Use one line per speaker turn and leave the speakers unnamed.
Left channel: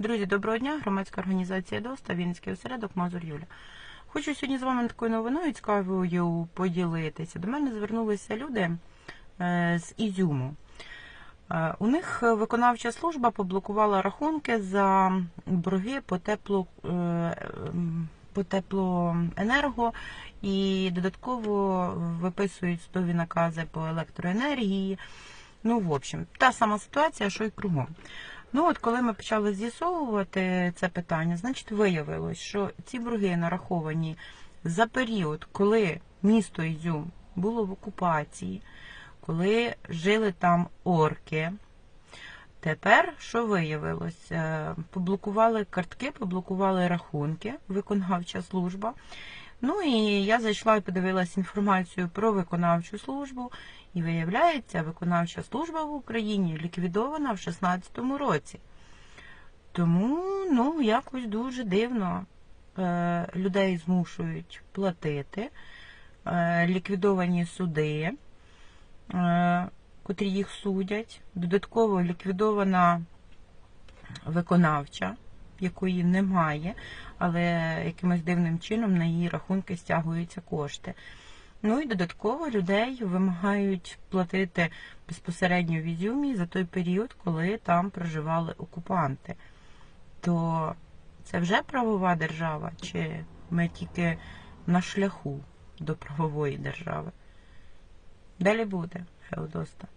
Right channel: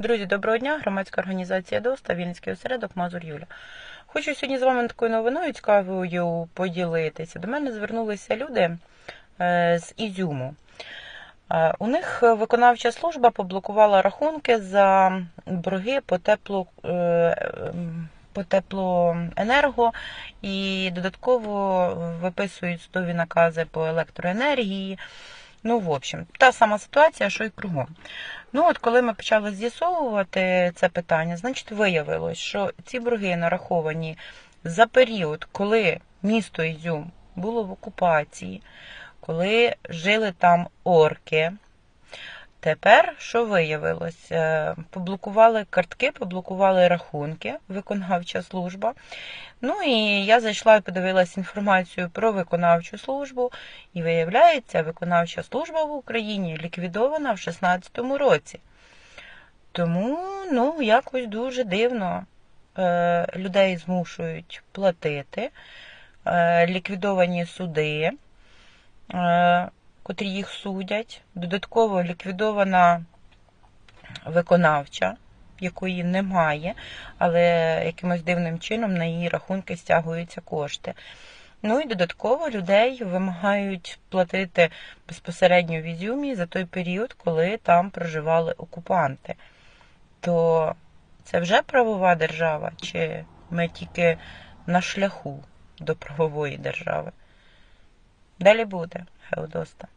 Друзі, доброго дня! Громадська організація ДОСТА, Вінницький осередок Мазур Юля. Хочу сьогодні з вами такою новиною цікавою поділитися. До мене звернулися люди е, з Ізюму. Е, У них виконавча служба поблокувала рахунки за борги по теплу. е, По теплоенерго і додатково виписують судові накази по електроенергії. Ну, в общем, та сама ситуація, що й кругом. Ну, от коли ми почали з'ясовувати це питання, значить виявилось, що ці борги нараховані за період, коли місто Ізюм було в окупації, коли жили там орки. Тепер що виявилось? Е, Поблокували картки, поблокували рахунки, виконавча служба. Ну і я зайшла і подивилася інформацію про виконавчу службу, і виявляється, виконавча служба в Україні ліквідована в 2016 році. Тому, ну, якось дуже дивно е, людей змушують платити, е, ліквідовані суди, котрі їх судять. Додатково ліквідована виконавча, якої немає, але якимось дивним чином на її рахунки стягуються кошти. Ну і додатково людей вимагають платити безпосередньо в Ізюмі за той період, коли там проживали окупанти. То це вже правова держава, чи ми тільки на шляху до правової держави? Далі буде, Феодоста.